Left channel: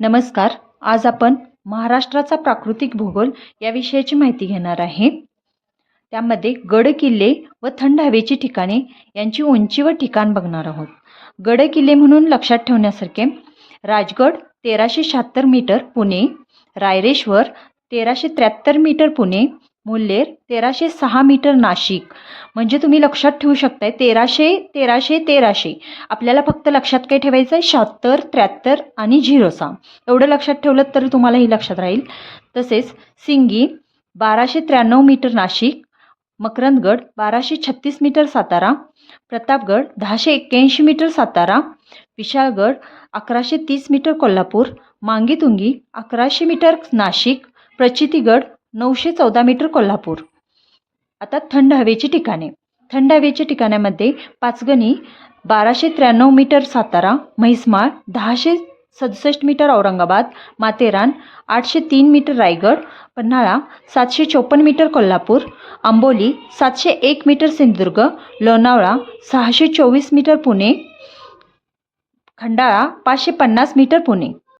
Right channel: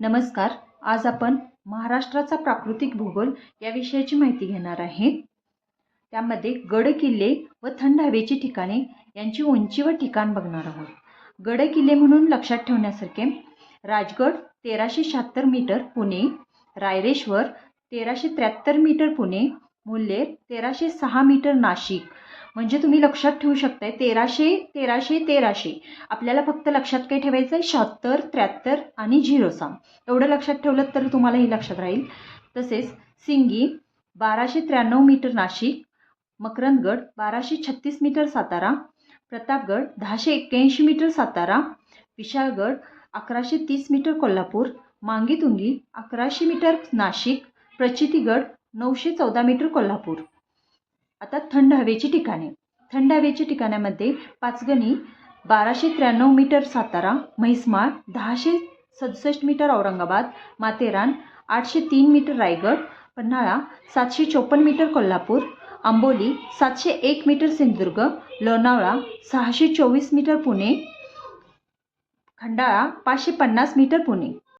नमस्कार. आज आपण महाराष्ट्राचा प्राकृतिक भूगोल या विषयाची माहिती घेणार आहे. त्यामध्ये गड किल्ले व थंड हवेची ठिकाणे यांची उंची व ठिकाण बघणार आहोत. गड किल्ले म्हणून लक्षात ठेवण्यासारखे Rajgad 1376 metre Pune, Raireshwar 1373 metre Pune, Mulher 1306 metre Nashik. म्हणजे तुम्ही लक्षात ठेवू शकताय 1300 आपल्याला फक्त लक्षात काय ठेवायचं आहे 76 73 आणि 06 एवढं लक्षात ठेवलं तर तुम्हालाही लक्षात राहील. तसेच Singi 1293 metre Nashik, Makarandgad 1236 metre Satara, Pratapgad 1081 metre Satara, Vishalgad 1130 metre Kolhapur, Mangitungi 1100 metre Nashik, Prachitigad 914 metre Kolhapur. आता थंड हवेची ठिकाणे. थंड हवेच्या ठिकाणामध्ये Panchgani 1293 metre Satara, Mhaismal 1067 metre Aurangabad, Matheran 803 metre Raigad, Panhala 754 metre Kolhapur, Amboli 701 metre Sindhudurg, Lonavala 624 metre Pune, Khandala 550 metre Pune.